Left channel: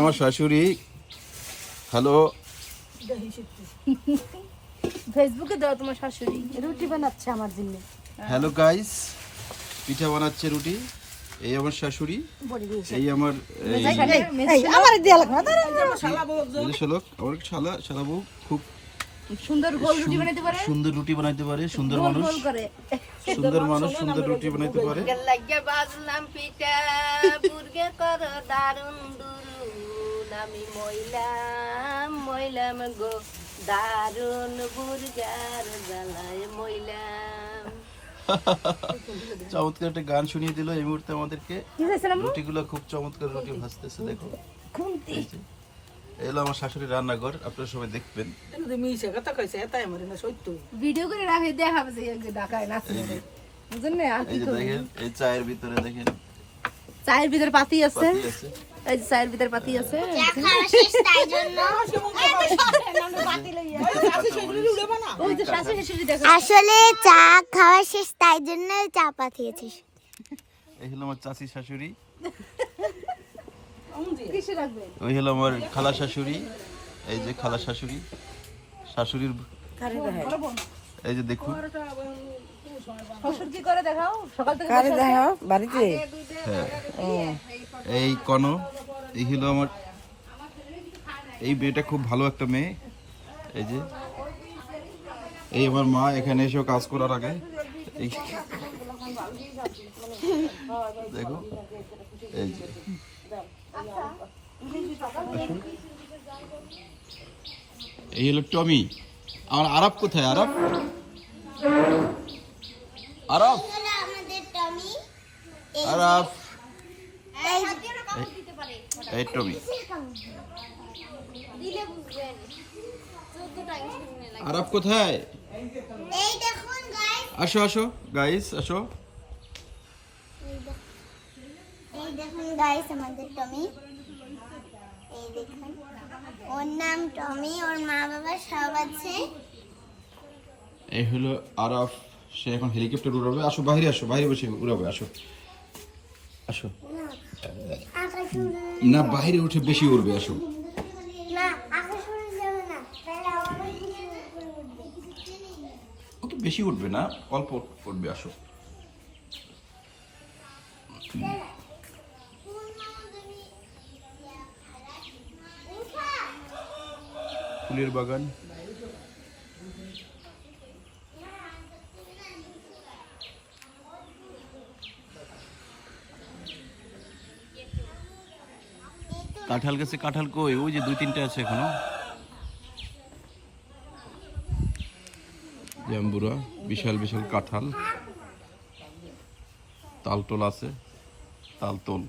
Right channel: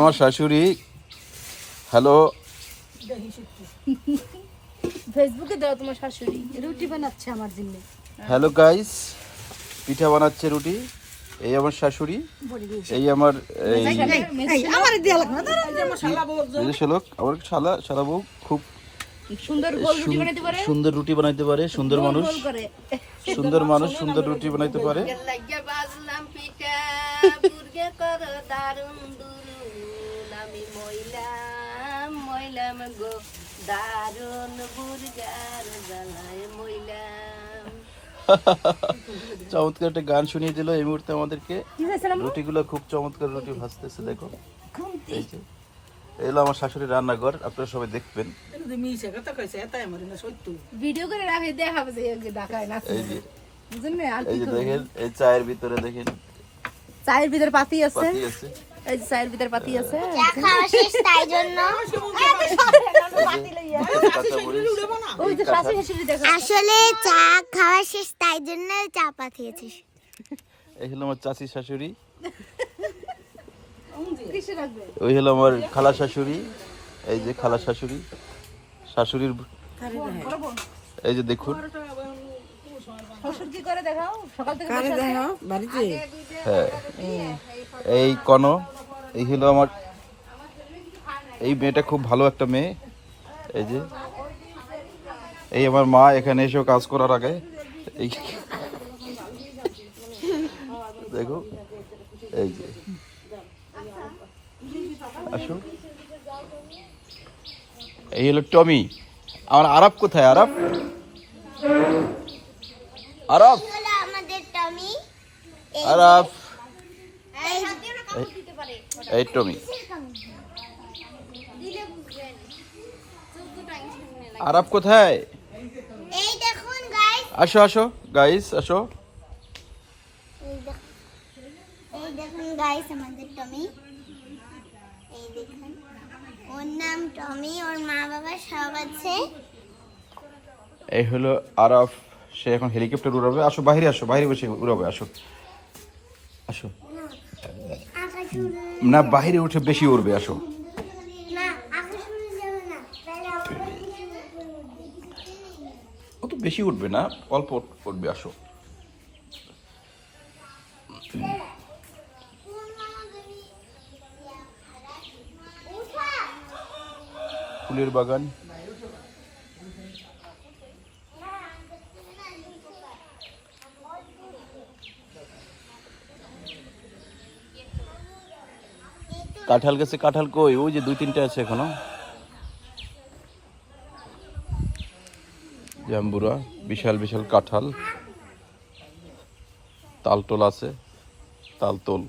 আমার শাশুড়ি হ্যালো ফেসবুকে দাও তোমার শাশুড়ি রুটি বানাচ্ছে আমার জন্য। হ্যালো গাইস, পিঠা বানাচ্ছে রুটি। এই আমার শাশুড়ি, এই আমার আমার দেয়া লাগবে না আমার শালা বউ খুব সুন্দর গোল রুটি বানাইতে পারে, সুন্দর রুটি বানাইতে পারে, সুন্দর মানুষ, গোল করে সুন্দর মানুষ, সুন্দর রুটি বানাইতে পারে। লাগিয়া বাজলাম পিঠা বুর্গে কর দারুন দুরুন আমি মইলাম গো দারুন বুর্গার জ্বালায় মইলাম। চমৎকার একটা গান শুনিয়ে দিল এই মুহূর্তে আমাদেরকে। রুটিগুলো খুব চমৎকার রুটি ভাজতেছে, দেখো। এলো আমার শাশুড়ির রান্নাঘর, আপনারা সবাই দেখবেন। ভিডিও করে রাখে দেখাবে যে ঢাকায় নাচে বুঝেন না। আর কি করবে, দেখেন এই চায়ের ভিতরে, দেখেন চায়ের ভিতর পাতি আছে, এই যে চায়ের ভিতর পাতি আছে। আসলে চা খাওয়া শেষ তাই জন্য চা পাঠিয়েছিস। এই হলো আমার চাচি শাশুড়ি, কিসে রাখবে? ওই হলো আমার খালা শাশুড়ি। এই যে খালা শাশুড়ি, শাশুড়ির এই যে দেখুন। শ্বশুর কি করে দেখাও, সকাল থেকে কারে দেখাও বাড়িতে। হ্যাঁ, এই কন, এই হলো আমার এই মেয়েটা, খুব ভালো একটা মেয়ে। এই যে এই আমার মা এখানে এসেও কাজ করার আগে এই দেখো, এই যে আসুন। এই হলো টমি। আমার আরব কোথায়? আরব আরব আমাদের টমি আরব এই এই টমি দিলে বুঝবেন 14 টাইম শুননে লাগে। আরব কোথায়? এই দেখুন গাইস, আসো আসো গাইস, আসো। এই দেখুন গাইস আমাদের টমি। এই দেখুন, ওর নাম টমি, ওর মা বাবা সব আছে। এই হলো আরব, সে এখন হেলিকপ্টার উড়াবে। আসো বাইরে, আসো বাইরে বসে উড়াবে। আসো আসো, আকাশ উড়ে না বাইরে উঠে বেশি উড়বে। আসো, না, আকাশ উড়ে যাবে না, তাহলে আমাদের কিছু উপরে উঠবে। ও তো বেশি উঠবে না, অল্প উঠবে। আসো, ফুলের বাগান। কাঁঠাল গাছে কাঁঠাল কই? ওই যে 2-3টা আছে এখনো। জাম্বুরা, বিশাল বিশাল কাঁঠাল। তালটোল আছে, তালতোল।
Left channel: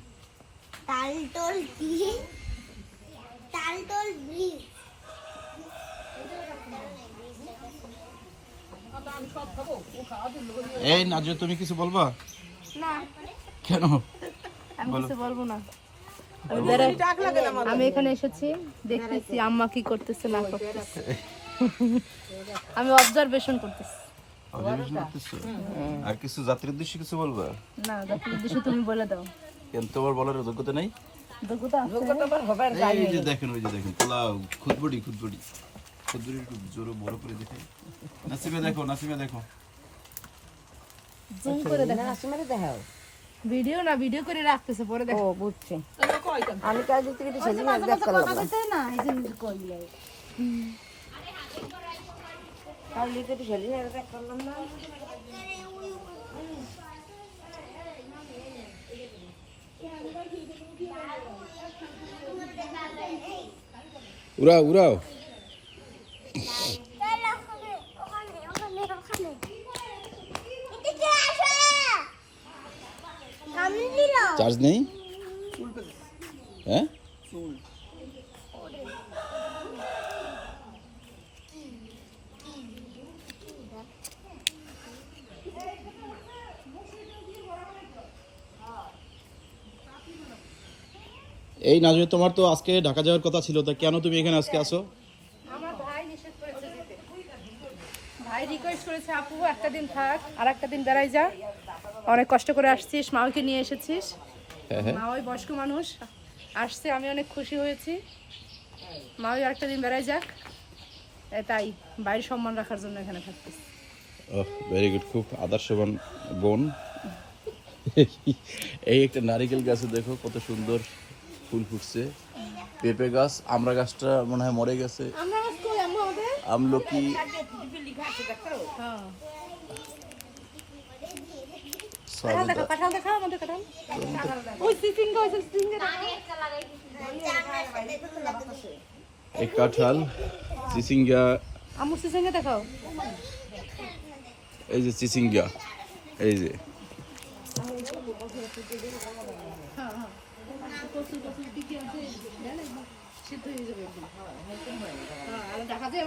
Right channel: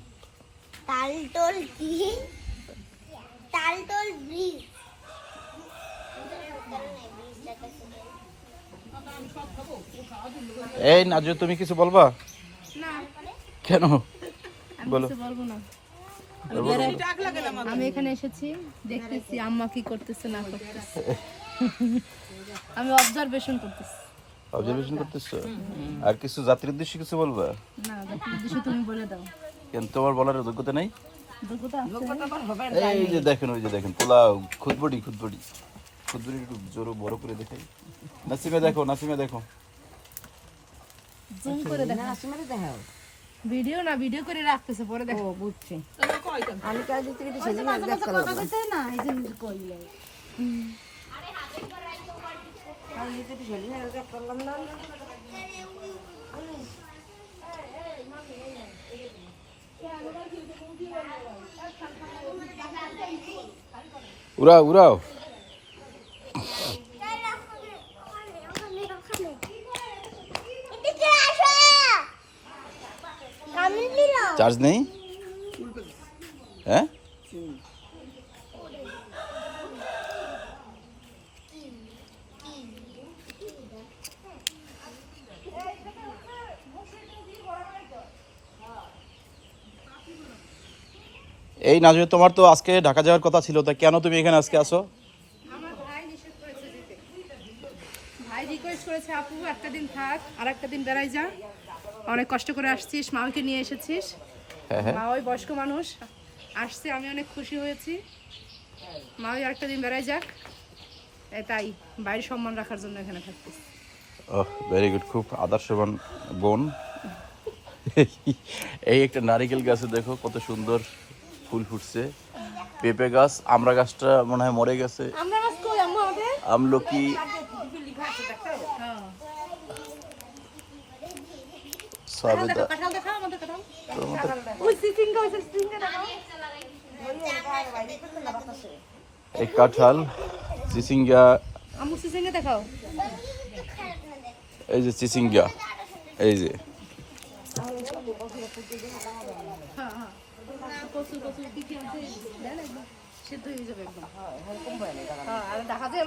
তালটোল কি? তালটোল ব্রিজ। এই নাজু, তুমি কিছু বলবা? না, কেন? আমি কিছু বলবো না। আমি এখানে এসেছি, দেখতেছি আম্মা কি করতেছে না করতেছে। আমি অবজারভেশন করতেছি। অবজারভেশন করতেছো? আর কিছু জাতির উদ্দেশ্যে কিছু বলবা? না, জাতির উদ্দেশ্যে তুমি বলে দাও। কিন্তু তোমার বলার যোগ্যতা নাই। যোগ্যতা আছে। এই যে দেখেন, ওই যে দেখেন পোলাও, খুদবড়ি খুদবড়ি খুদবড়ি একটু জোরে বড় করে দেখেন। নাসিমা দেখো, নাসিমা দেখো। জুম করে দেখো। আসমারে দেখাও। ভিডিও না, ভিডিও করে রাখতেছে, পরে ও দেখো। বুঝছি। আমি কাজ দিতে গেছি সেদিন আর দেখ করলাম না। না, এই যে কইলে কাজ দিতে তো সেদিন আর দেখ করলাম না। উড়াও উড়াও। চার্জ নেই? হ্যাঁ, এই নাজু, তোমার তো আজকে ঢাকা যাওয়ার কথা ছিল, তা কেন তুমি এখানে আজকে আসো? আমার ভাই নিষেধ করেছে যেতে। ভাই রিকোয়েস্ট করেছে, আপু একটা দিন থাক, আর একটা দিন বেড়াই যা। অনেক কষ্ট করে আসছিস, মাকে নিয়ে এসেছিস। হ্যাঁ হ্যাঁ, মা ওই বয়স্ক মানুষ, আসছে, আমি অনেক খুশি হয়েছি। মা ওই আরেকটা দিন বেড়াই যাক, তাই বাড়ির সম্মান রাখার জন্য এখানে থাকতেছি। ওহ ভেরি গুড, খুব আদর্শবান বোন। এই একটা নারিকেল গাছে দেখো কত সুন্দর ফুল ফুটছে, পেঁপে গাছ, আমড়া গাছটা মনে হয় মরে গেছে, আমলকি, হ্যাঁ, সবেদা। কাঁঠাল দেখাও আমাদের কাঁঠাল। এই কাঁঠাল, চিচিঙ্গা, আমুর সিসেঙ্গে দেখাও। এই যে চিচিঙ্গা, এই যে দেখা যায়